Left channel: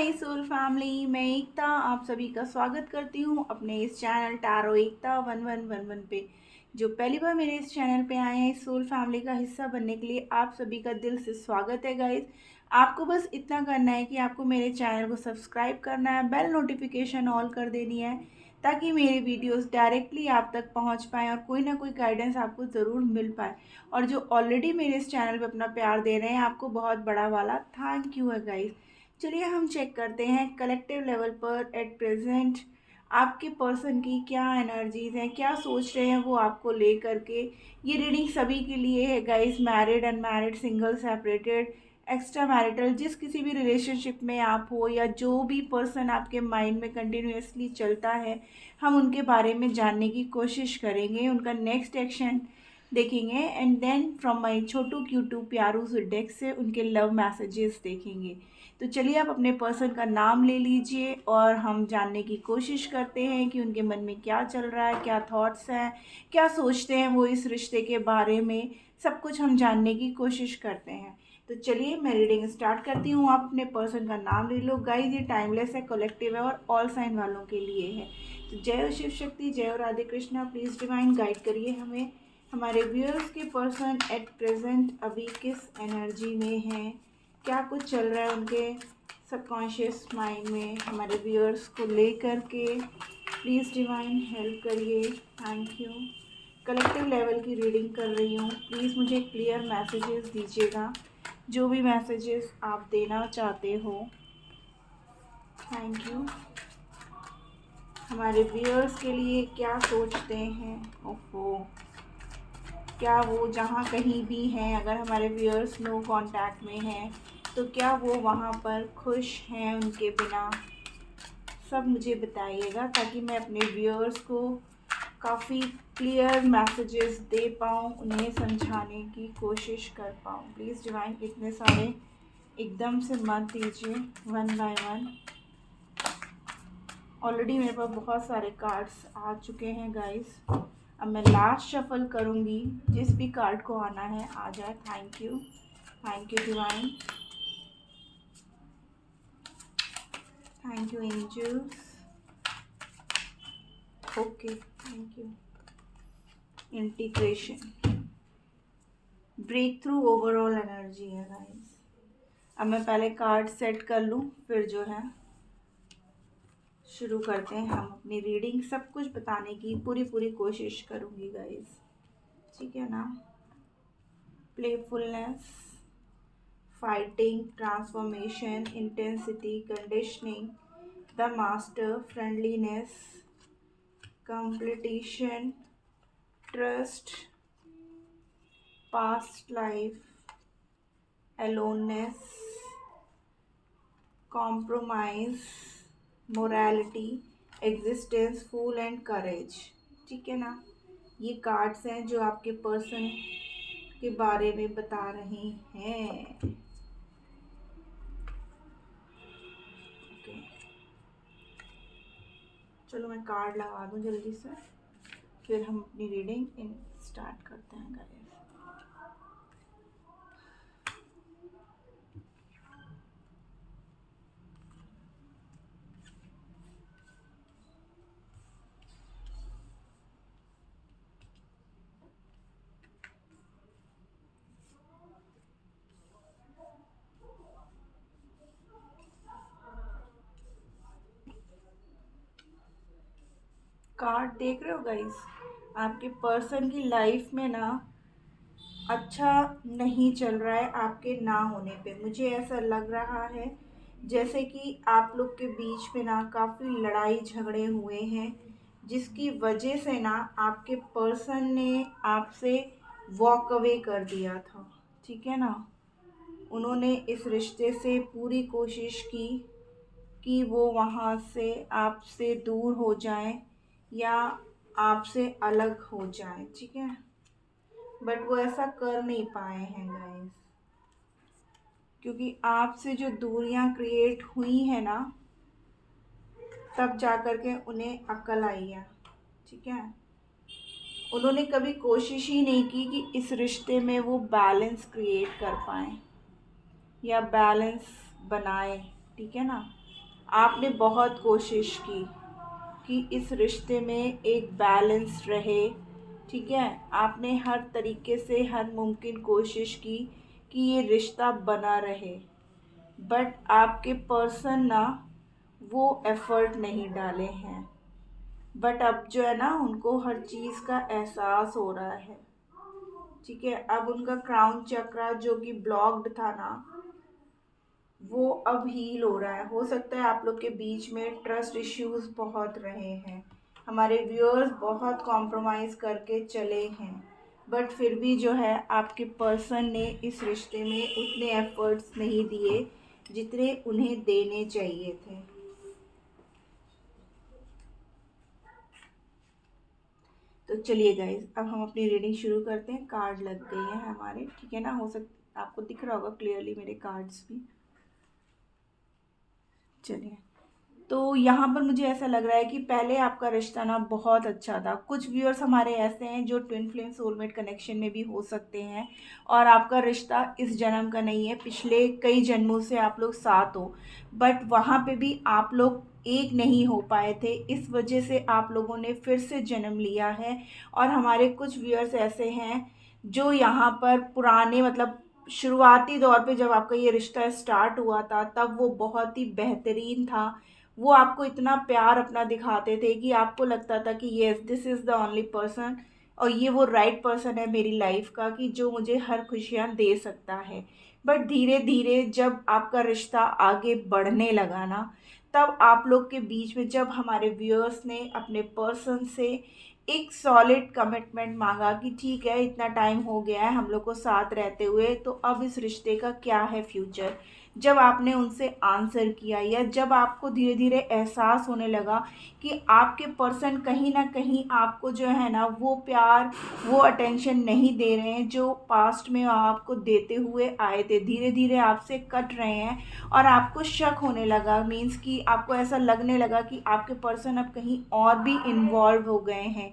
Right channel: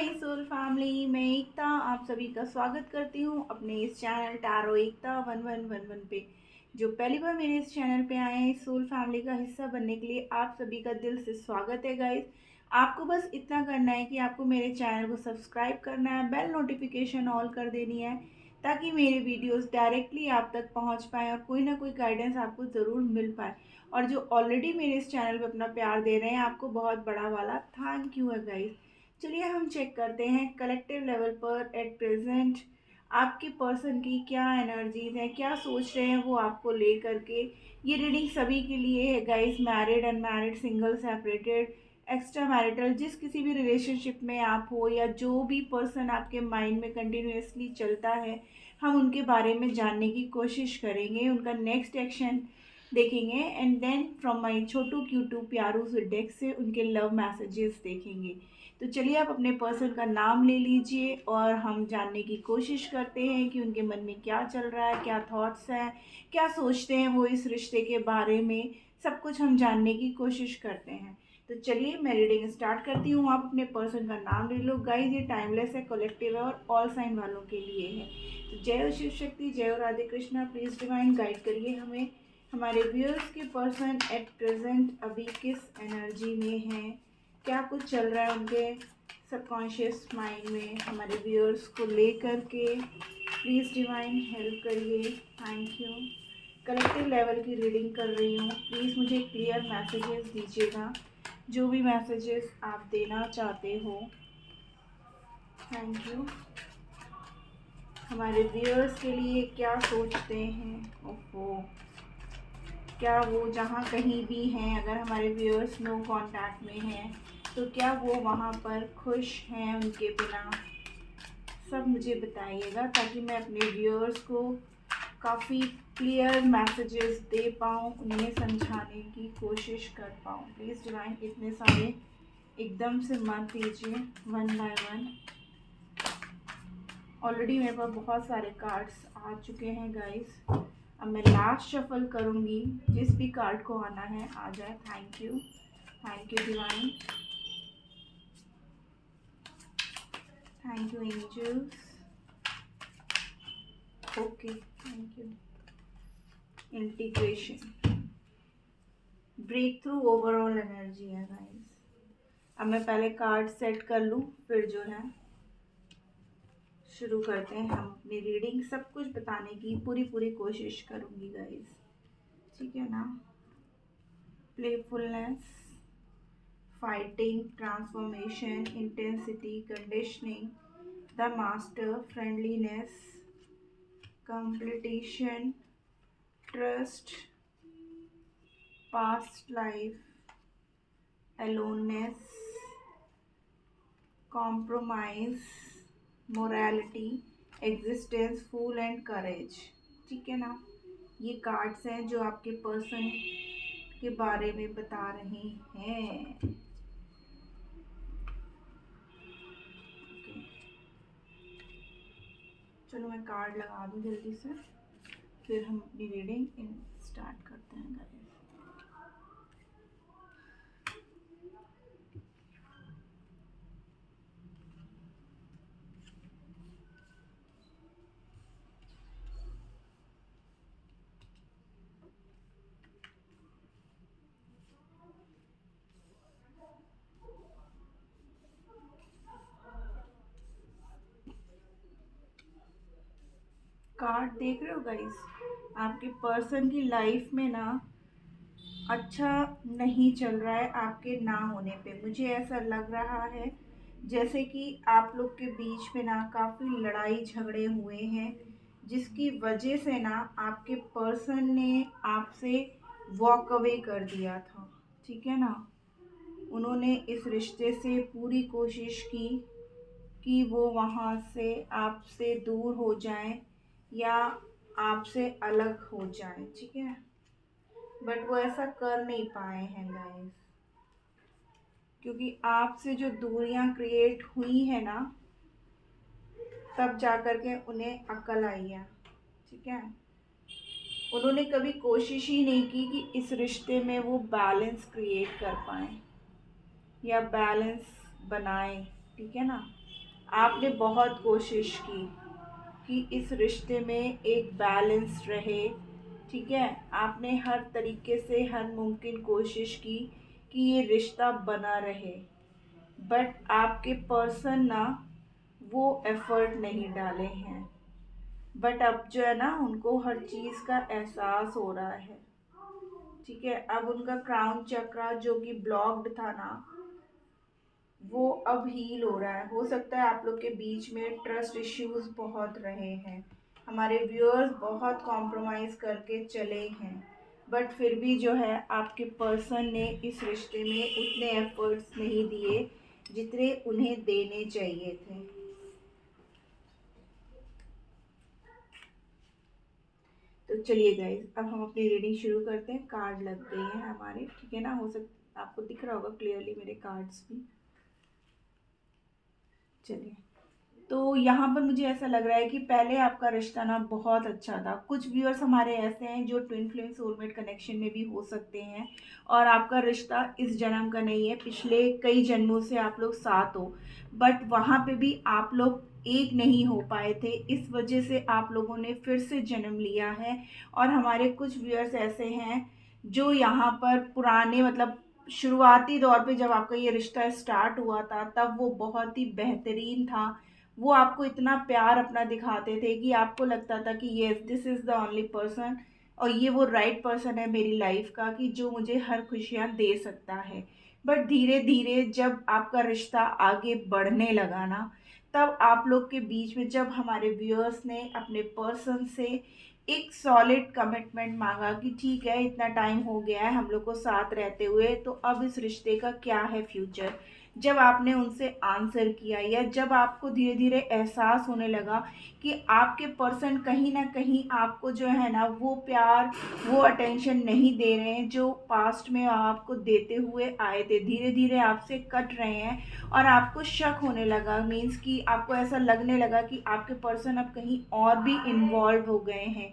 My soul family, मैं एकता आप सभी का स्वागत करती हूँ अपने इस चैनल टैरो एकता 1111 पे। जो पहली बार मेरे इस चैनल पे आए हैं, सोल फैमिली का हिस्सा बनने के लिए आप सभी का दिल से स्वागत है गाइस। आपको बस इतना करना है कि आपको मेरे चैनल को सब्सक्राइब करना है, बेल नोटिफिकेशन ऑल कर देनी है ताकि मेरे वीडियोस डायरेक्टली आप तक पहुंच पाएँ और कोई ना कोई गाइडेंस आपको ज़रूर मिल पाए। और जो ऑलरेडी मेरे इस चैनल पे अपना प्यार दे रहे हैं, आपको बहुत बड़ा वाला थैंक यू है गाइस। चलिए हम चेक करते हैं कलेक्टिव लेवल पर एट प्रेजेंट आपके पर्सन की क्या एनर्जीज हैं, क्या सोच रहे हैं वो आपको ले करके। ये रीडिंग सभी के लिए है guys, married, unmarried, single, separated, extra marital, जिस किसी भी रिलेशनशिप में आप हो या जो भी पर्सन आपके माइंड में कंटिन्यूसली चलता है, हम उनके बारे में जानने की कोशिश करेंगे, उनका नेक्स्ट एक्शन देखेंगे एंड देन फ्रॉम माई छोटू क्यूटू प्यारू डेक से उनके लव मैसेजेस देखेंगे। तो चलिए आप अपने पर्सन का नाम ले लीजिए और हम जानने की कोशिश करते हैं कि उनके मन में क्या चल रहा है, क्या थॉट्स हैं, क्या सोचते हैं वो इस रिश्ते के बारे में। सब कुछ हम जानने की कोशिश करते हैं। तो चलिए मैं रीडिंग स्टार्ट करती हूँ। आप अपने पर्सन का नाम ले लो गाइस। ये टाइमलेस है, कलेक्टिव है और ऑल साइन वालों के लिए है। तो जय हो शिव शक्ति, जय हो Radhe Krishna. Please divine guide करिए हमें। हमारे व्यूअर्स के पर्सन एट प्रेजेंट अभी किस एनर्जी में हैं, क्या कुछ चल रहा है उनके सबकॉन्शियस माइंड में हमारे व्यूअर्स को लेकर के। प्लीज़ डिवाइन हेल्प करिए, थैंक यू। कलेक्टिव लेवल की रीडिंग कर रही हूँ, प्लीज़ मुझे क्लियर मैसेजेस दीजिएगा, जो भी मैसेजेस आप देना चाहते हो। Thank you. हमारे व्यूअर्स के लिए क्या सोचते हैं, ओहो, क्या वो जहाँ कहीं भी हैं, अगर हमारे व्यूअर्स नो कांटेक्ट में हैं तो क्या वो वहाँ पर खुश हैं उनके बिना, सब मुझे बताइएगा ताकि मैं अपने व्यूअर्स को काफ़ी क्लियर मैसेजेस दे पाऊँ, उन्हें समझाने की कोशिश कर पाऊँ। प्लीज़ डिवाइन इतने सारे एकदम से मत दीजिए, वन बाय वन। ऑलरेडी मेरे पास बहुत सारे कार्ड्स आ चुके हैं गाइस। अब मैं लास्ट शफल करूँगी, जिस भी कार्ड को आना है आ जाए। Thank you divine, thank you angels, okay, thank you. Integration, breakthrough, overall energy है गाइस। अब मैं पहले कार्ड सेट कर लूँ, फिर जो है शुरू करते हैं हम अपनी रीडिंग। सब कुछ बताने की पूरी कोशिश करूँगी गाइस, ठीक है ना। Playfulness, fighting, transformation, intensity, conditioning, the master, friendliness, completion, trust, past life, aloneness, compromise, morality, existence, fool and courage, ठीक है ना। ये कार्ड्स हैं जो आपके पर्सन के बारे में बता रहे हैं। ओके, चलो मैं कार्ड लगा दूँ जल्दी से, फिर हम अपनी रीडिंग स्टार्ट करते हैं गाइस। कार्ड देख रहे हो गाइस, आपके पर्सन की लाइफ में ना अच्छा नहीं चल रहा है आपके ना होने पे। मुझे ऐसा लग रहा है जैसे कि आप लोग के बीच में ना काफ़ी लड़ाई झगड़े हुए हैं, जिसकी वजह से ना आपके पर्सन ने आपसे वॉक अवे कर दिया था, ठीक है ना। उन्होंने इस रिश्ते से पूरी कोशिश की कि वो वहाँ से आपसे दूर हो जाएं या आपसे अलग हो जाएं, ठीक है। बट वो ऐसा कर नहीं पाए हैं गाइस, क्योंकि आपसे जो दूरियां क्रिएट हुई है ना, तब जाकर के उन्हें अक्ल आई है, ठीक है। उन्होंने कभी कोशिश ही नहीं की कि इस रिश्ते में वो बैलेंस क्रिएट कर पाए या बैलेंस बनाए, ठीक है ना। आपने बहुत कोशिश की कि इस रिश्ते में एक बैलेंस रहे, ठीक है। आपने हर तरीके से हर मुमकिन कोशिश की कि ये रिश्ता बना रहे, बट आपके पर्सन ना वो एफर्ट नहीं डाले हैं। बट अब जो है ना उनको हर चीज़ का एहसास हो रहा है, ठीक है। अब उनका क्राउन चक्रा जो कि ब्लॉक्ड था ना, वो अब हील हो रहा है। हो सकता है आप लोग के बीच में ट्रस्ट इश्यूज बहुत रहे हैं, हमारे व्यूअर्स बहुत कॉम्प्रोमाइज़ करके चले हैं, बट फिर भी जो है आपके पर्सन ने इस रिश्ते में उतने एफर्ट्स नहीं दिए जितने उन्हें देने चाहिए थे। तो चलिए गाइज, अब हम अपनी रीडिंग शुरू करते हैं। कार्ड लग गई है हमारे, ठीक है ना। हो सकता आपको दिख रहा होगा क्लियरली मेरे कार्ड्स भी। चलिए, तो यहाँ पर मुझे ऐसा लग रहा है कि पहले आपका रिश्ता ना बहुत अच्छा था। कुछ व्यूअर्स हमारे ऐसे हैं जो ट्विन फ्लेम सोलमेट कनेक्शन में भी हो सकते हैं, और आपका रिश्ता इस जन्म का नहीं है, पिछले कई जन्मों से आप लोग साथ हो, बट वहाँ पे भी आप लोग एक नहीं हो पाए थे। इस वजह से आप लोगों ने फिर से जन्म लिया है। और हमारे कुछ व्यूअर्स ऐसे हैं जो यहाँ पर पुराने मतलब शुरुआती दौर पे जब आपका ये रिश्ता स्टार्ट हुआ था तब वो बहुत ही बेहतरीन था। वो आपको इतना प्यार अपना दिखाते थे कि आपको लगता था कि yes this is the only person, और ये वो राइट पर्सन है मेरी लाइफ का कि जो मुझे हर खुशियाँ दे सकता है। बट धीरे धीरे जब आपका रिश्ता आगे बढ़ने लगा ना, तब आप लोग के बीच में जब हमारे व्यूअर्स ने अपने पर्सन से एक सॉलिड कमिटमेंट मांगा कि ठीक है इतना टाइम हो गया है हम लोग को साथ रहते हुए, तो अब इस रिश्ते का क्या है फ्यूचर। जब आपने उनसे आंसर किया, या जब आपको धीरे धीरे एहसास होने लगा कि आपके पर्सन कहीं ना कहीं आपको जो है ना वो प्यार वो अटेंशन नहीं दे रहे हैं जो पास्ट में आपको देते हुए आए थे, धीरे धीरे आपसे कट रहे हैं, और आपको शक होने लगा, मीन्स कि आपको ऐसा लगने लगा कि आपके पर्सन अब कहीं और भी इन्वॉल्व हो गए हैं,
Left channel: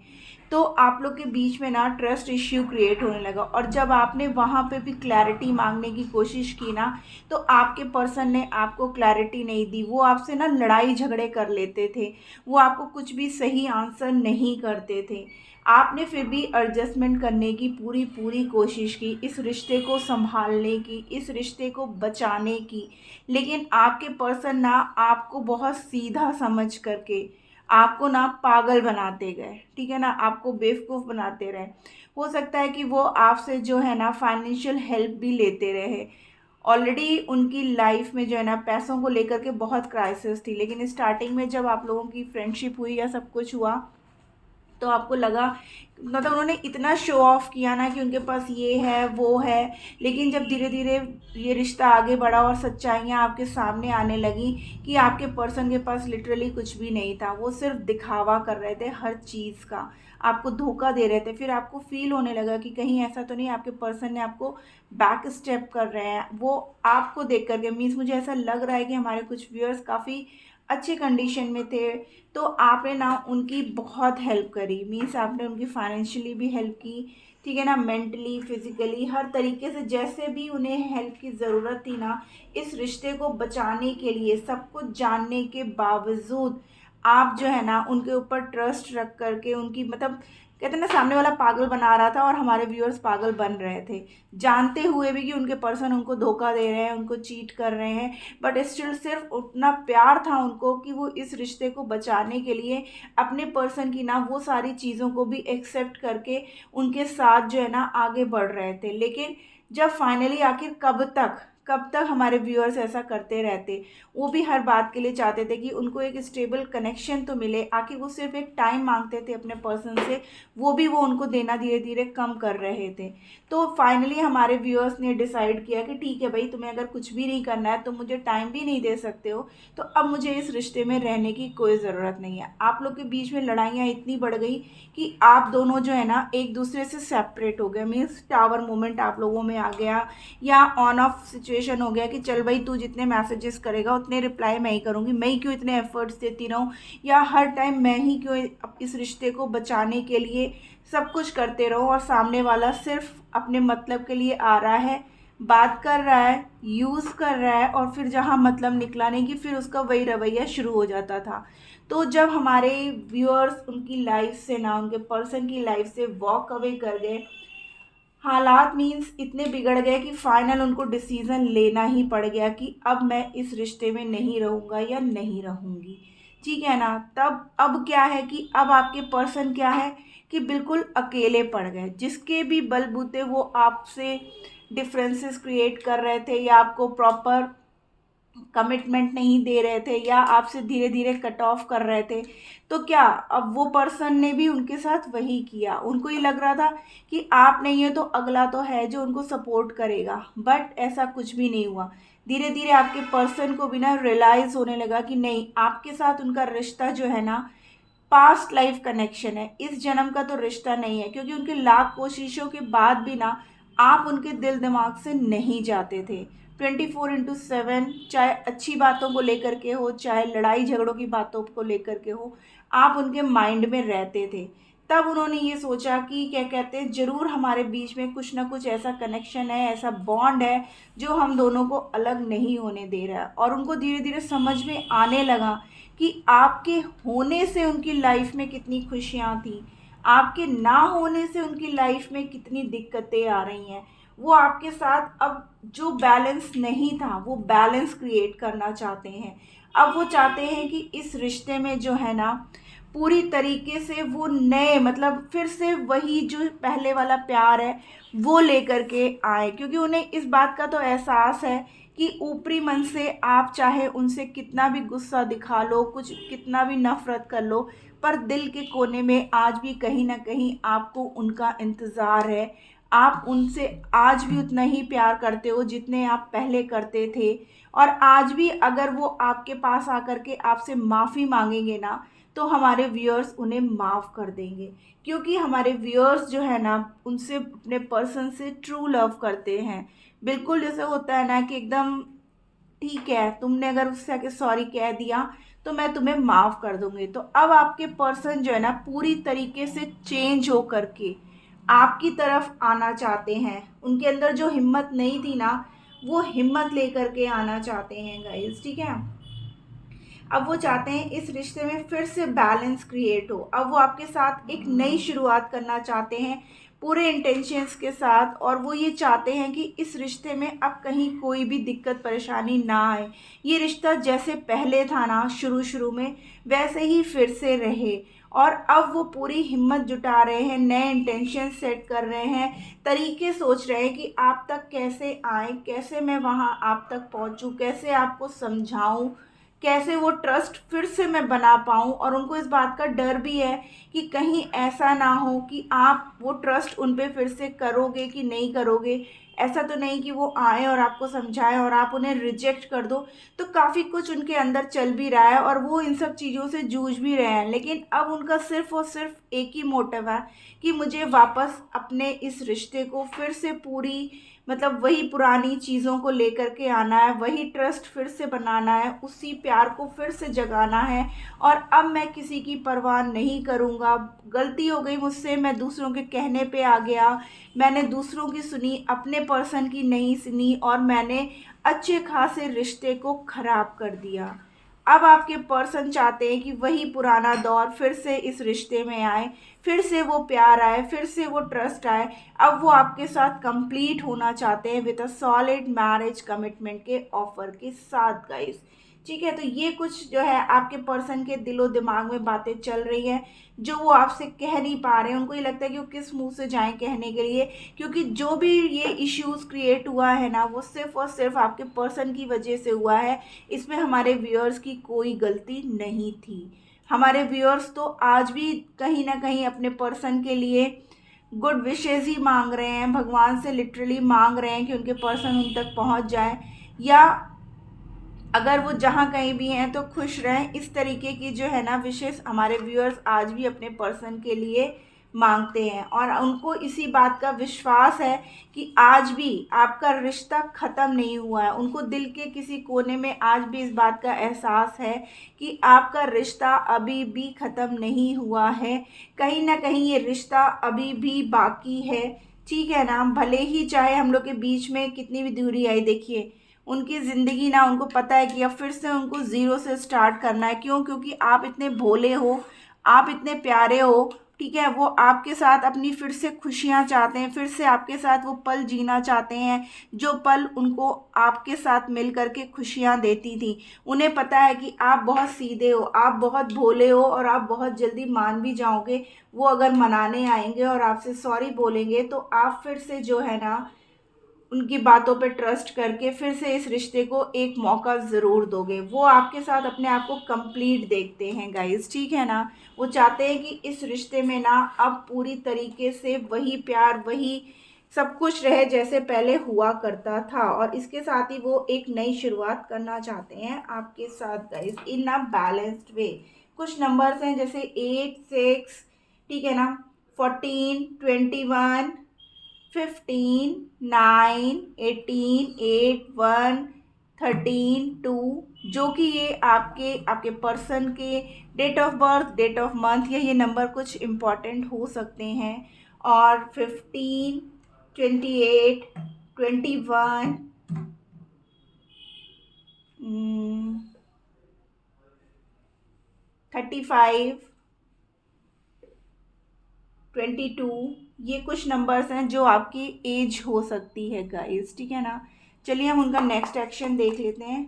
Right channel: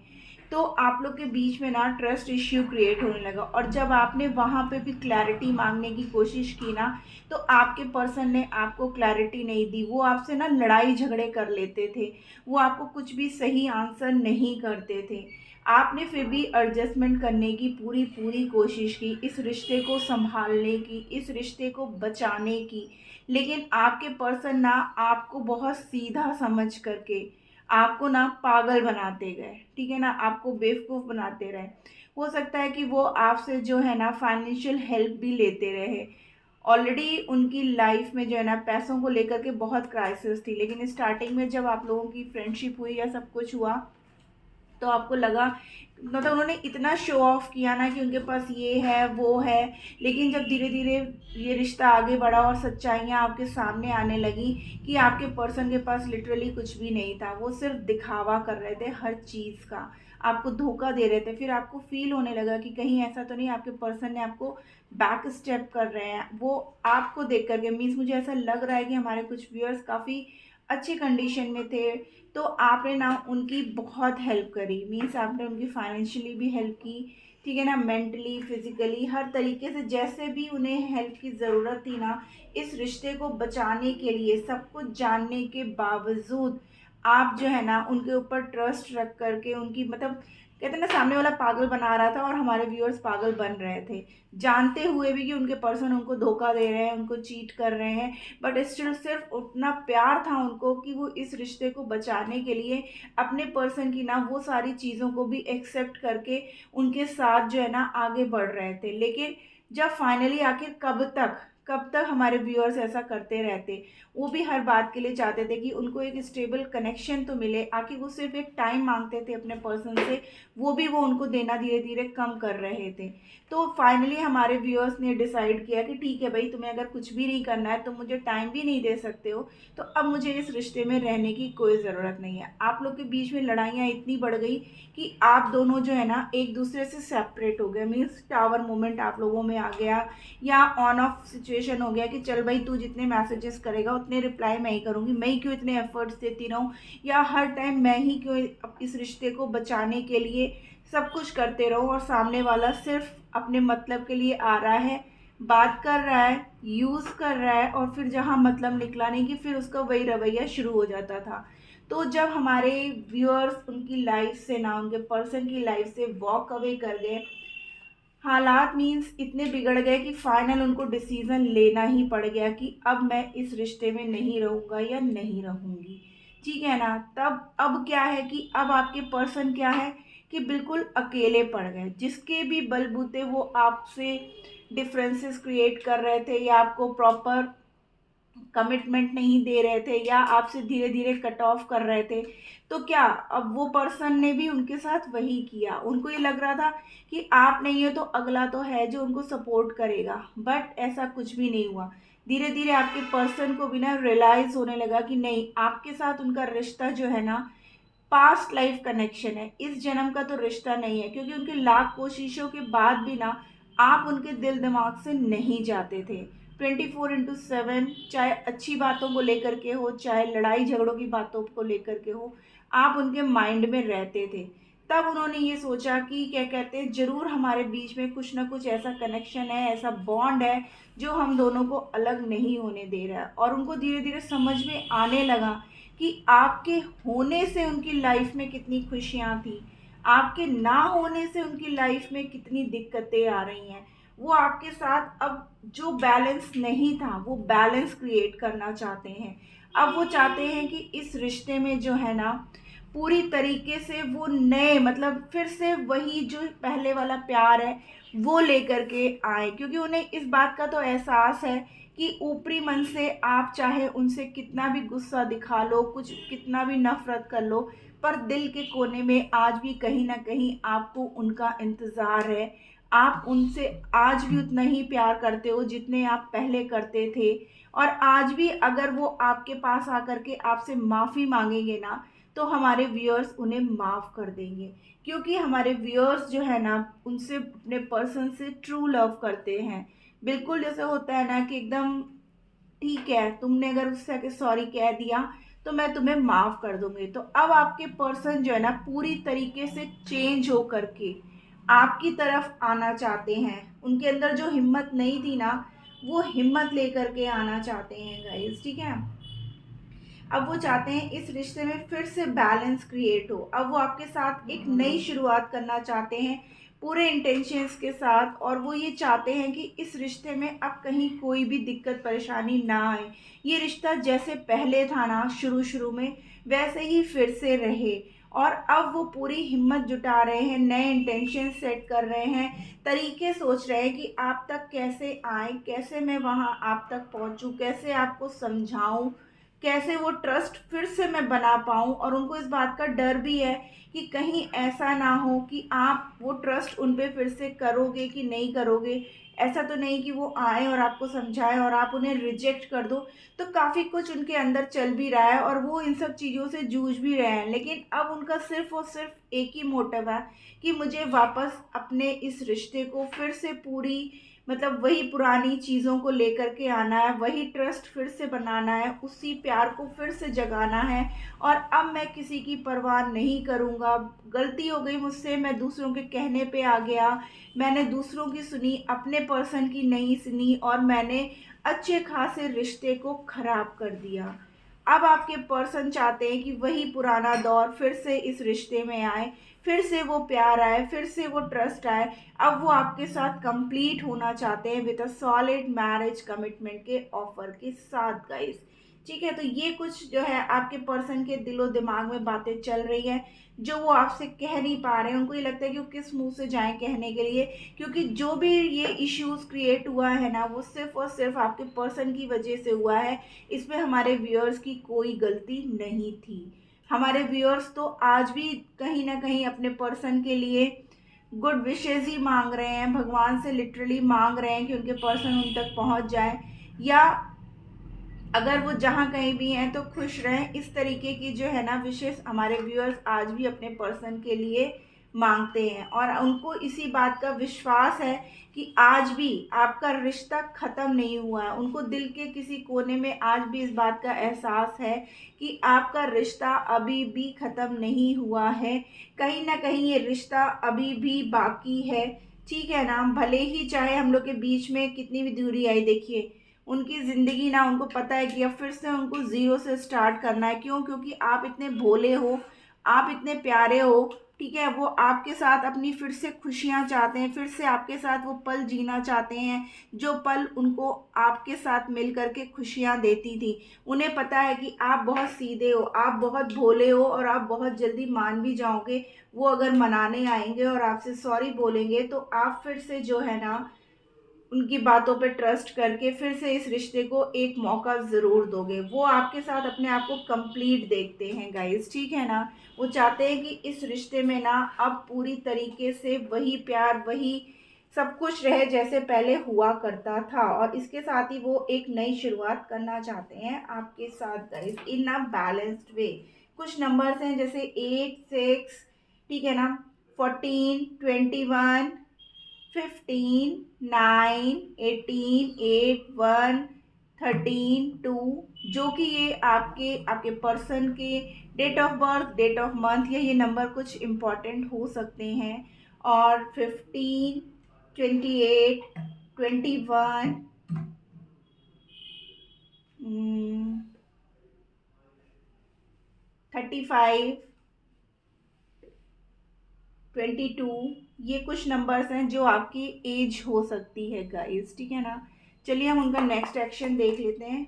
तो आप लोग के बीच में ना ट्रस्ट इश्यू क्रिएट होने लगा। और जब आपने वहाँ पे भी क्लैरिटी मांगने की कोशिश की ना, तो आपके पर्सन ने आपको क्लैरिटी नहीं दी। वो आपसे ना लड़ाई झगड़े कर लेते थे, वो आपको कुछ भी सही आंसर नहीं करते थे। आपने फिर भी एडजस्टमेंट करने की पूरी पूरी कोशिश की, इस रिश्ते को संभालने की, इस रिश्ते को बचाने की, लेकिन आपके पर्सन ना आपको बहुत सीधा समझ करके आपको ना पागल बनाते गए, ठीक है ना, आपको बेवकूफ़ बनाते रहे। हो सकता है कि वो आपसे जो है ना फाइनेंशियल हेल्प भी लेते रहे। ऑलरेडी उनकी लाइफ में जो है ना पैसों को लेकर के बहुत क्राइसिस थी, लेकिन स्टार्टिंग में जब आप लोगों की फ्रेंडशिप हुई या सब कुछ हुआ, तो आपको लगा, मतलब उन्होंने इतना शो ऑफ किया ना कि उनके पास ये है वो है, लेकिन जब धीरे धीरे ये रिश्ता आगे बढ़ा और सच्चाइयाँ आपके सामने आने लगी कि आपके पर्सन के पास लिटरली कुछ भी नहीं था, वो सिर्फ दिखावा कर रहे थे हर चीज़ का, आपको धोखा दे रहे थे। फिर आपको फील होने लगा कि कहीं ऐसा तो नहीं आपके पर्सन ने आपको बैक स्टेप कर रहे हैं। वो आपको देख करके, मीन्स मुझे ऐसा लग रहा है कि हमारे कुछ व्यूअर्स काफ़ी अच्छी कंडीशन में थे, तो आपने ना उनकी बहुत हेल्प करी, मीन्स आपने उनकी फाइनेंशियली भी हेल्प की, ठीक है ना, मेंटली फिजिकली हर तरीके से जैसे भी उन्हें हेल्प की ज़रूरत थी ना, इस रिश्ते को बचाने के लिए सब कुछ जानने के बावजूद आप जो है ना उनके ऊपर ट्रस्ट रख करके उनकी, मतलब कहते हैं ना सामने वाला पागल बना रहा था और हमारे व्यूअर्स पागल बन रहे थे, जानते हुए भी कि उनके पर्सन उनको धोखा दे रहे हैं, उनको चीट कर रहे हैं, बट स्टिल सिर्फ उतना प्यार था उनको कि वो इस रिश्ते को बचाने के लिए अपने पर्सन की ना वो सारी चीज़ों को भी एक्सेप्ट करके उनके साथ जो है ना आगे बढ़ रहे थे। लेकिन जब फाइनली आखिर कब तक हमारे व्यूअर्स ऐसा करते रहते, वो भी हर बात के लिए चाहते थे कि उनको एक स्टेबल कनेक्शन तो मिले, आखिर वो सिर्फ एक टाइम मांगते थे अपने पर्सन से, वो भी वो उनको देना धीरे धीरे कम कर रहे थे। तो फाइनली हमारे व्यूअर्स ने डिसाइड किया कि ठीक है भाई, तुम्हें अगर कुछ भी नहीं करना है, तुम मुझे टाइम भी नहीं दे सकते हो, तो अब मुझे इस रिश्ते में रहने की कोई ज़रूरत नहीं है। आप लोग के बीच में लड़ाइयाँ इतनी बढ़ गई कि आप दोनों जो है ना एक दूसरे से सेपरेट हो गए, मीन्स टावर मोमेंट आप लोगों में आ गया, या ऑन ऑफ सिचुएशन हो गया कि चल भाई तू जितने मैसेजेस करेगा उतने रिप्लाई मैं ही करूँगी, मैं ही क्यों इतने एफर्ट्स देती रहूँ, या हर टाइम मैं ही क्यों इस रिश्ते को बचाने के लिए सब कुछ करते रहो, और सामने वाला सिर्फ अपने मतलब के लिए आ रहा है, बात कर रहा है, यूज़ कर रहा है और फिर जहाँ मतलब निकला नहीं कि फिर उसका वही रवैया शुरू हो जाता था। तो जब हमारे व्यूअर्स उनकी लाइफ से ना, उनके पर्सन की लाइफ से वॉक अवे कर गए, हालात मीन्स इतने बिगड़ गए कि फाइनल उनको डिसीज़न लेना ही पड़ गया कि अब मैं इस रिश्ते में नहीं रहूँगा या नहीं रहूँगी, ठीक है ना। तब अब क्या है कि अब आपके पर्सन क्या है कि बिल्कुल अकेले पड़ गए, जिसके भी बलबूते वो आपसे डिफरेंसेस क्रिएट कर रहे थे या आपको प्रॉपर कमिटमेंट नहीं दे रहे थे या आपसे धीरे धीरे कट ऑफ कर रहे थे। तो क्या अब वो पर्सन ने भी उनके साथ वही किया। उनको ये लग रहा था कि आप नहीं हो तो अगला तो है जो उनको सपोर्ट करेगा, बट ऐसा कुछ भी नहीं हुआ। धीरे धीरे आपके पर्सन को भी ना रियलाइज होने लगा कि नहीं, आपके साथ उनका रिश्ता जो है ना पास्ट लाइफ कनेक्शन है, इस जन्म का तो रिश्ता नहीं है। क्योंकि उनके लाख कोशिशों के बाद भी ना आप उनके दिल दिमाग से नहीं जाते थे। 24/7, चाहे अच्छी बातों को लेकर के हो, चाहे लड़ाई झगड़ों की बातों को लेकर के हो, आप उनके माइंड में रहते थे। तब उन्होंने ये सोचा कि क्या कहते हैं, ज़रूर हमारे बीच में कुछ ना कुछ ऐसा कनेक्शन है, ऐसा बॉन्ड है जो हम दोनों को अलग नहीं होने दे रहा है। और उनको धीरे धीरे समझ में आने लगा कि आपके होने से उनकी लाइफ में कितनी खुशियाँ थी, आपके ना होने से उनकी लाइफ में कितनी दिक्कतें आ रही हैं। वो आपके साथ अब जो बैलेंस नहीं था वो बैलेंस क्रिएट करना चाहते हैं। अब वो चाहते हैं कि इस रिश्ते में जो है ना पूरी तरीके से वो नए मतलब फिर से वही जो पहले वाला प्यार है वो लेकर के आए। क्योंकि उन्हें इस बात का तो एहसास है कि ऊपरी मन से आप चाहे उनसे कितना भी गुस्सा दिखा लो, कुछ कितना भी नफरत कर लो, पर दिल के कोने में आज भी कहीं ना कहीं आपको उनका इंतज़ार है। आप उनसे आज भी उतना ही प्यार करते हो जितने आप पहले करते थे। और आज भी अगर वो आपके पास आकर के आपसे माफ़ी मांगेंगे ना, तो हमारे व्यूअर्स उन्हें माफ़ कर देंगे। क्योंकि हमारे व्यूअर्स जो है ना उनसे अपने पर्सन से ट्रू लव करते हैं। बिल्कुल जैसे होता है ना कि एकदम ठीक है, तुमने अगर उससे आके सॉरी कह दिया तो मैं तुम्हें माफ़ कर दूंगी। तो अब आपके पर्सन जो है ना पूरी तरीके से चेंज हो करके आपकी तरफ आना चाहते हैं। उनके अंदर जो हिम्मत नहीं थी ना, वो हिम्मत लेकर के आना चाहते हैं गाइस, ठीक है। अब वो चाहते हैं इस रिश्ते में फिर से बैलेंस क्रिएट हो। अब वो आपके साथ एक नई शुरुआत करना चाहते हैं पूरे इंटेंशंस के साथ। और वो ये चाहते हैं कि इस रिश्ते में अब कहीं कोई भी दिक्कत परेशानी ना आए। ये रिश्ता जैसे पहले था ना शुरू शुरू में, वैसे ही फिर से रहे। और अब वो पूरी हिम्मत जुटा रहे हैं, नए इंटेंशन सेट कर रहे हैं, तरीके सोच रहे हैं कि आप तक कैसे आए, कैसे मैं वहाँ आप तक पहुँचूँ, कैसे आपको समझाऊँ, कैसे वो ट्रस्ट फिर से मैं बना पाऊँ। और उनको इस बात का डर भी है कि कहीं ऐसा ना हो कि आप वो ट्रस्ट उन पे फिर से करोगे कि नहीं करोगे। ऐसा तो नहीं कि वो आए और आपको समझाएं और आप उन्हें रिजेक्ट कर दो। तो काफ़ी कुछ उनके अंदर चल भी रहा है और वो इन सब चीज़ों से जूझ भी रहे हैं। लेकिन अब उनका सिर्फ और सिर्फ एक ही मोटिव है कि मुझे वापस अपने इस रिश्ते को फिर से पूरी मतलब वही पुरानी चीज़ों को लेकर के आना है, वही ट्रस्ट फिर से बनाना है, उसी प्यार को फिर से जगाना है। और अब मैं किसी की परवाह नहीं करूँगा। गलती हो गई मुझसे, मैं दूसरों के कहने पे आ गया, मैंने दूसरों की सुनी, अपने पर्सन की नहीं सुनी और मैंने अच्छे खासे रिश्ते को ख़राब कर दिया। अब आपके पर्सन चाहते हैं कि वही पुराना दौर फिर से इस रिश्ते में आए, फिर से वो प्यार आए, फिर से वो ट्रस्ट आए। अब वो आपके साथ कंप्लीट होना चाहते हैं with a solid marriage commitment के ऑफर के साथ गाइस, ठीक है। तो ये कुछ जो है आपके पर्सन के दिलो दिमाग में बातें चल रही हैं जो वो आपसे कह नहीं पा रहे हैं। उनको ये लगता है कि वो किस मुंह से जाएं कहने के लिए। क्योंकि जो भी ये इश्यूज क्रिएट हुआ है ना वो सिर्फ और सिर्फ आपके पर्सन की वजह से हुआ है। इसमें हमारे व्यूअर्स की कोई गलती नहीं थी। हमारे व्यूअर्स तो आज भी कहीं ना कहीं अपने पर्सन के लिए गुड विशेज़ ही मांग रहे हैं, भगवान से लिटरली मांग रहे हैं कि उनके पर्सन उन तक पहुंच जाए, या अगर वो जहाँ कहीं भी हैं तो खुश रहें। इस तरीके की जो है ना विशेष हमारे व्यूअर्स आज भी अपने पर्सन के लिए मांगते हैं। और उनको इसी बात का विश्वास है कि आज भी आपका रिश्ता ख़त्म नहीं हुआ है। उनको दिल के किसी कोने में आज भी इस बात का एहसास है कि आपका रिश्ता अभी भी ख़त्म नहीं हुआ है। कहीं ना कहीं ये रिश्ता अभी भी बाकी है। ठीक है ना। भले ही चाहे हम लोग के बीच में कितनी भी दूरी आई, देखिए उनकी ज़िंदगी ना, उनको पता है कि अब फिर से उनको ज़ीरो से स्टार्ट करना है। क्यों? क्योंकि आप इतने भोले हो, आप इतने प्यारे हो, ठीक है। वो आपके साथ अपनी फिर से खुशियाँ चाहते हैं, फिर से आपके साथ वो पल जीना चाहते हैं जो पल उनको आपके साथ मिल करके खुशियाँ देती थी। उन्हें पता है कि आप बहुत सीधे हो, आप बहुत भोले हो और आप बहुत जल्दी मान भी जाओगे। वो अगर मनाने आएंगे और आपसे सॉरी बोलेंगे तो आप फिर से जो है ना उनकी बातों पे ट्रस्ट करके फिर से इस रिश्ते को एक मौका ज़रूर दोगे। वो आपके साथ अपने आप को कंप्लीट देखते हैं गाइस, ठीक है ना। वो चाहते हैं कि इस रिश्ते में ना अब पूरी तरीके से वही प्यार, वही सब कुछ रहे जैसे पहले हुआ करता था, और इसके साथ ही वो एक नई शुरुआत करना चाहते हैं आपके साथ guys in a balanced way. कुछ नंबर्स हैं जैसे 8, 6, ठीक है ना, 14, 21, 15, 9, 18, 8, 1, 13, 2, जो कि ये आपके आपके पर्सन के date of birth, date of month या ये नंबर कुछ इम्पॉर्टेंट हो सकते हैं। और 15, 28, 21, 35, 22, ये कुछ नंबर्स हैं जो आपकी एज हो सकती है गाइस, ठीक है ना। चलिए हम उनका नेक्स्ट एक्शन देख लेते हैं।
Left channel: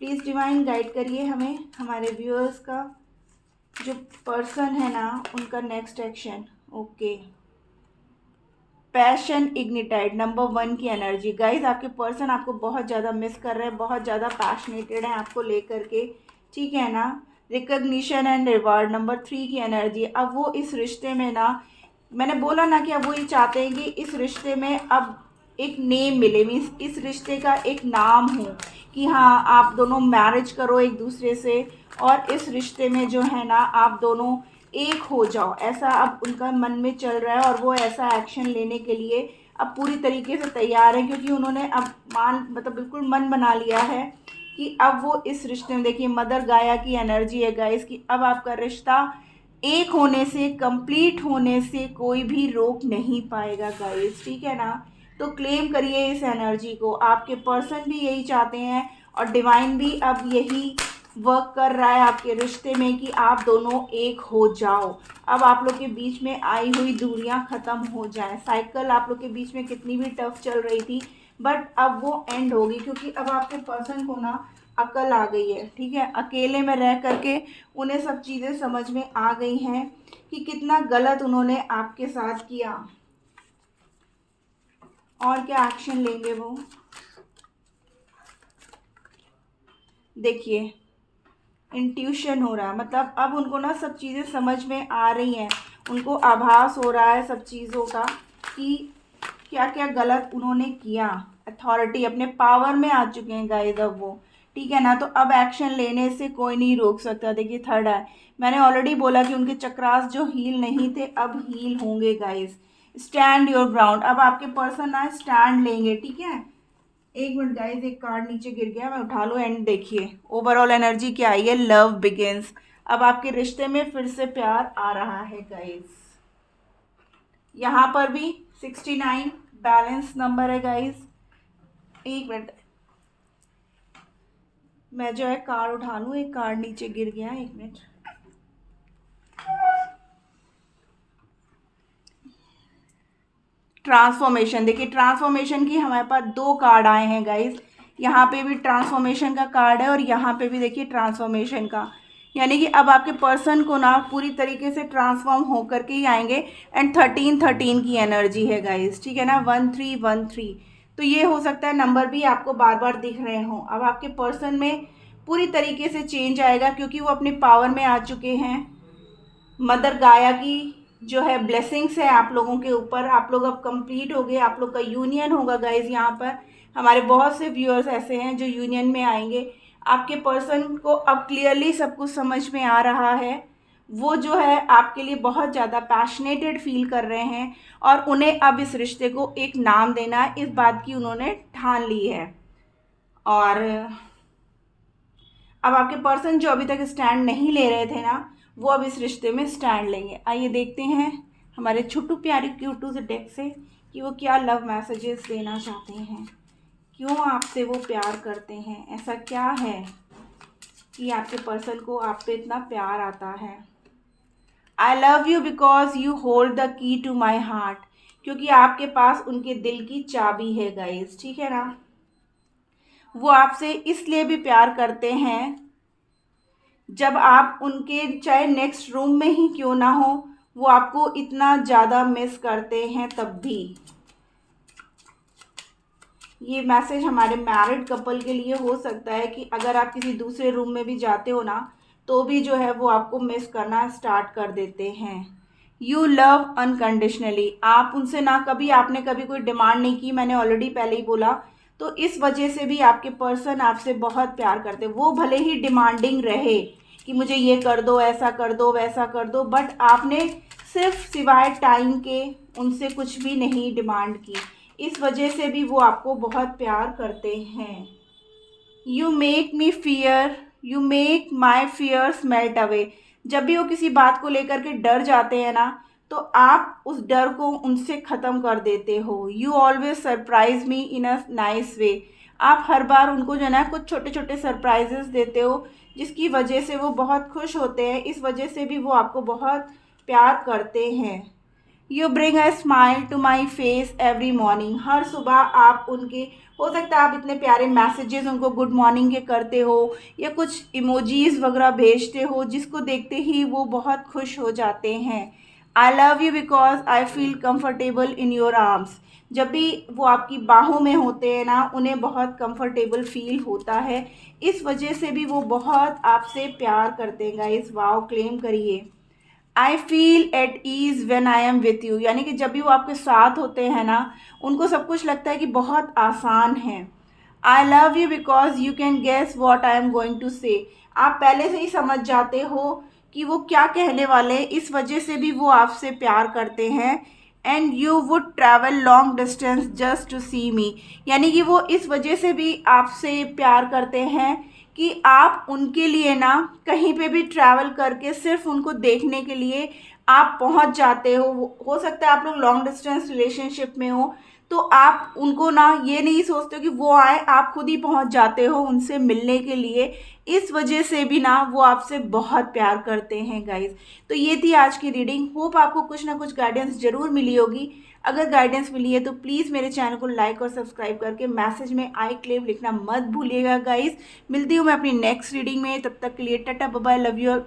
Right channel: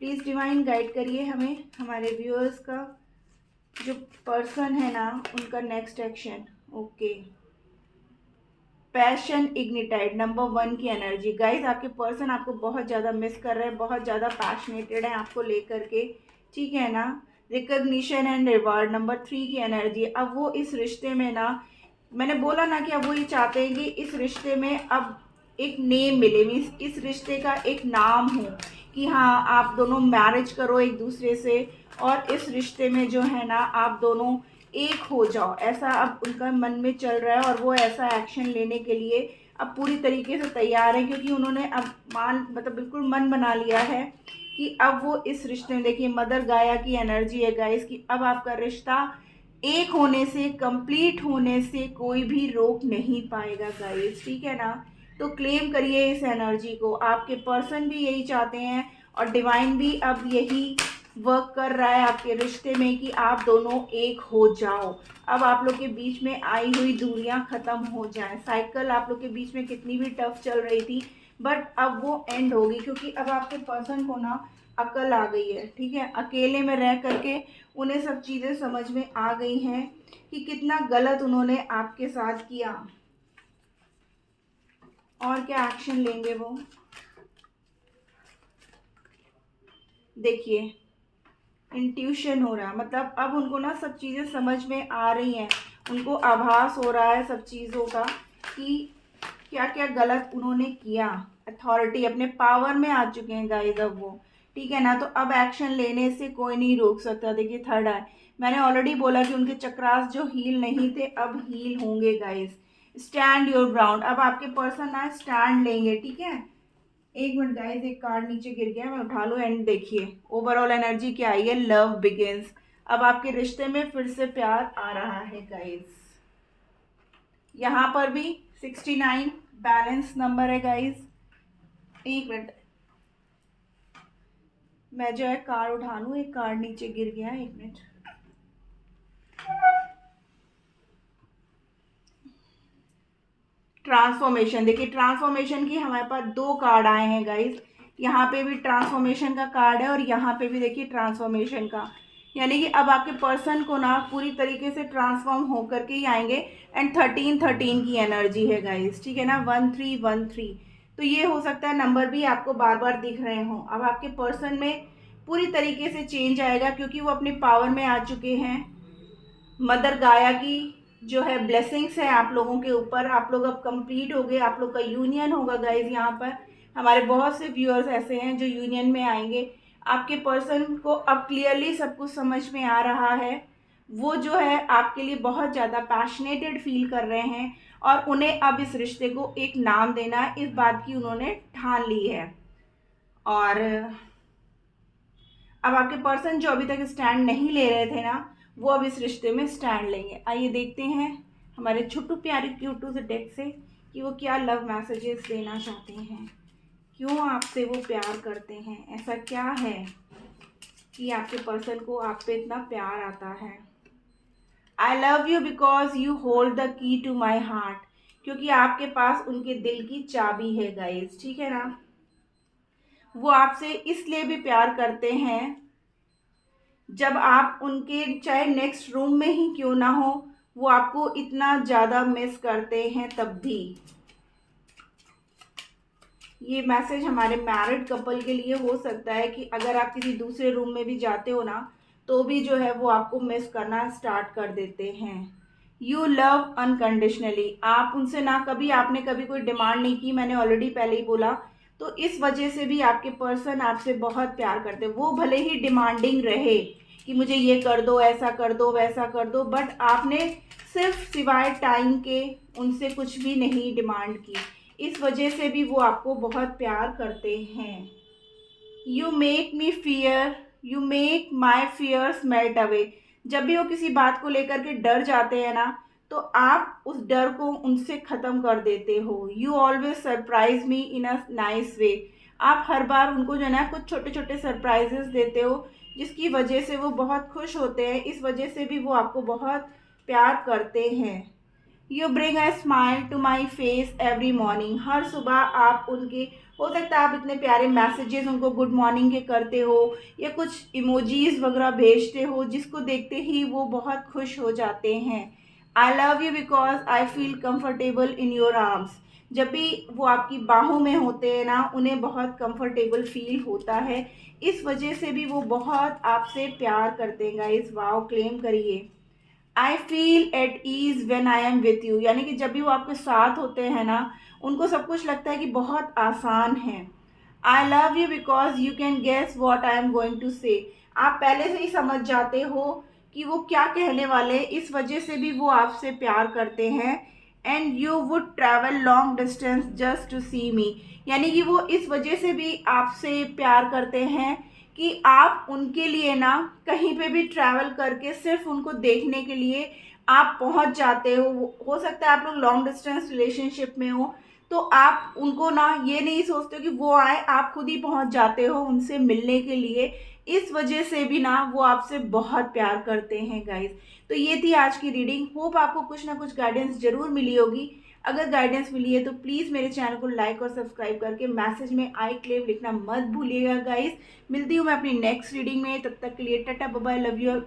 प्लीज़ डिवाइन गाइड करिए हमें, हमारे व्यूअर्स का जो पर्सन है ना उनका next action. Okay, passion ignited number 1 की एनर्जी गाइस। आपके पर्सन आपको बहुत ज़्यादा मिस कर रहे हैं, बहुत ज़्यादा पैशनेटेड है आपको लेकर के, ठीक है ना। रिकग्निशन एंड रिवार्ड नंबर 3 की एनर्जी। अब वो इस रिश्ते में ना, मैंने बोला ना कि अब वो ये चाहते हैं कि इस रिश्ते में अब एक नेम मिले, मीन्स इस रिश्ते का एक नाम हो कि हाँ आप दोनों मैरिज करो एक दूसरे से, और इस रिश्ते में जो है ना आप दोनों एक हो जाओ, ऐसा अब उनका मन में चल रहा है। और वो ऐसा एक्शन लेने के लिए अब पूरी तरीके से तैयार है, क्योंकि उन्होंने अब मतलब बिल्कुल मन बना लिया है कि अब वो इस रिश्ते में, देखिए मदर गाया की एनर्जी है गाइस, कि अब आपका रिश्ता एक होने से, कंप्लीट होने से कोई भी रोक नहीं पाएगा गाइस, ठीक है ना। तो क्लेम करिए इस एनर्जी को। आपके पर्सन भी यही चाहते हैं और डिवाइन भी अब यही वर्क कर रहा है आपके रिश्ते में कि आप दोनों एक हो जाओ। अब आप लोग के बीच में आई हुई दूरियां खत्म हो जाएं। साइकिल आप लोग के बीच में कितनी भी टफ चल रही थी, बट अब वो एंड होगी, क्योंकि अब आपके पर्सन को ना अकल आ गई है, ठीक है। अकेले में रह करके उन्हें सब चीज़ें समझ में आ गई हैं कि कितना गलत उन्होंने आपके साथ किया, और क्या एक्शन लेंगे वो। देखिए इंट्यूशन हो रहा है, मतलब अब उनको ना सब चीज़ें समझ में आ रही हैं, उनको आभास हो रहा है सब चीज़ों का कि क्या क्या गलत उन्होंने किया। अथॉरिटी अपने पावर में आ चुके हैं गाइस अब वो, ठीक है ना। तो अब एक्शन लेने से कोई नहीं रोक सकता। देखिए थर्ड आई, मैंने ऑलरेडी बोला कि उनके चक्रास जो हील नहीं थे अब हील होंगे गाइस। स्टैंड योर ग्राउंड, अब आपके पर्सन ना स्टैंड लेंगे, ठीक है। एक मिनट गाइस, एक कार्ड नीचे गिर गया, मैं उठा लूँ। एंड देखिए ओवरऑल एनर्जी क्या आई है, लव बिगिंस। अब आपके रिश्ते में फिर से प्यार आ रहा है गाइस। यहाँ पर भी 69 बैलेंस नंबर है गाइस। एक मिनट, मैं जो है कार्ड उठा लूँ, एक कार्ड नीचे गिर गया, एक मिनट। ट्रांसफॉर्मेशन, देखिए ट्रांसफॉर्मेशन की हमारे पास 2 कार्ड आए हैं गाइस। यहाँ पे भी ट्रांसफॉर्मेशन का कार्ड है और यहाँ पे भी देखिए ट्रांसफॉर्मेशन का, यानी कि अब आपके पर्सन को ना पूरी तरीके से ट्रांसफॉर्म होकर के ही आएंगे। एंड 13 की एनर्जी है गाइस, ठीक है ना, 1313। तो ये हो सकता है नंबर भी आपको बार बार दिख रहे हों। अब आपके पर्सन में पूरी तरीके से चेंज आएगा, क्योंकि वो अपने पावर में आ चुके हैं। मदर गाया की जो है ब्लेसिंग्स है आप लोगों के ऊपर। आप लोग अब कंप्लीट हो गए, आप लोग का यूनियन होगा गाइज। यहाँ पर हमारे बहुत से व्यूअर्स ऐसे हैं जो यूनियन में आएंगे। आपके पर्सन को अब क्लियरली सब कुछ समझ में आ रहा है। वो जो है आपके लिए बहुत ज़्यादा पैशनेटेड फील कर रहे हैं, और उन्हें अब इस रिश्ते को एक नाम देना है, इस बात की उन्होंने ठान ली है। और अब आपके पर्सन जो अभी तक स्टैंड नहीं ले रहे थे ना, वो अब इस रिश्ते में स्टैंड लेंगे। आइए देखते हैं हमारे छोटू प्यारे क्यूटू से डेक से कि वो क्या लव मैसेजेस देना चाहते हैं, क्यों आपसे वो प्यार करते हैं, ऐसा क्या है कि आपके पर्सन को आप पे इतना प्यार आता है। I love you because you hold the key to my heart, क्योंकि आपके पास उनके दिल की चाबी है गाइस, ठीक है ना। वो आपसे इसलिए भी प्यार करते हैं, जब आप उनके चाहे नेक्स्ट रूम में ही क्यों ना हो, वो आपको इतना ज़्यादा मिस करते हैं तब भी। ये मैसेज हमारे मैरिड कपल के लिए हो सकता है कि अगर आप किसी दूसरे रूम में भी जाते हो ना, तो भी जो है वो आपको मिस करना स्टार्ट कर देते हैं। यू लव अनकंडीशनली, आप उनसे ना कभी आपने कभी कोई डिमांड नहीं की, मैंने ऑलरेडी पहले ही बोला। तो इस वजह से भी आपके पर्सन आपसे बहुत प्यार करते हैं। वो भले ही डिमांडिंग रहे कि मुझे ये कर दो, ऐसा कर दो, वैसा कर दो, बट आपने सिर्फ सिवाय टाइम के उनसे कुछ भी नहीं डिमांड की। इस वजह से भी वो आपको बहुत प्यार करते हैं। You make me fear, you make my fears melt away, जब भी वो किसी बात को लेकर के डर जाते हैं ना, तो आप उस डर को उनसे ख़त्म कर देते हो। You always surprise me in a nice way, आप हर बार उनको जो है ना कुछ छोटे छोटे सरप्राइजेस देते हो, जिसकी वजह से वो बहुत खुश होते हैं। इस वजह से भी वो आपको बहुत प्यार करते हैं। You bring a smile to my face every morning, हर सुबह आप उनके, हो सकता है आप इतने प्यारे मैसेजेस उनको गुड मॉर्निंग के करते हो या कुछ इमोजीज वगैरह भेजते हो, जिसको देखते ही वो बहुत खुश हो जाते हैं। आई love you because I feel comfortable in your arms, जब भी वो आपकी बाहों में होते हैं ना, उन्हें बहुत कंफर्टेबल फील होता है। इस वजह से भी वो बहुत आपसे प्यार करते हैं गाइस। वाओ, क्लेम करिए। I feel at ease when I am with you, यानी कि जब भी वो आपके साथ होते हैं ना, उनको सब कुछ लगता है कि बहुत आसान है। I love you because you can guess what I am going to say, आप पहले से ही समझ जाते हो कि वो क्या कहने वाले, इस वजह से भी वो आपसे प्यार करते हैं। And you would travel long distance just to see me, यानी कि वो इस वजह से भी आपसे प्यार करते हैं कि आप उनके लिए ना कहीं पे भी ट्रैवल करके सिर्फ उनको देखने के लिए आप पहुंच जाते हो सकता है आप लोग लॉन्ग डिस्टेंस रिलेशनशिप में हो, तो आप उनको ना ये नहीं सोचते हो कि वो आए, आप खुद ही पहुंच जाते हो उनसे मिलने के लिए। इस वजह से भी ना वो आपसे बहुत प्यार करते हैं गाइस। तो ये थी आज की रीडिंग, होप आपको कुछ ना कुछ गाइडेंस जरूर मिली होगी। अगर गाइडेंस मिली है तो प्लीज़ मेरे चैनल को लाइक और सब्सक्राइब करके मैसेज में आई क्लेम लिखना मत भूलिएगा गाइस। मिलती हूँ मैं अपनी नेक्स्ट रीडिंग में, तब तक के लिए tata bye bye, love you.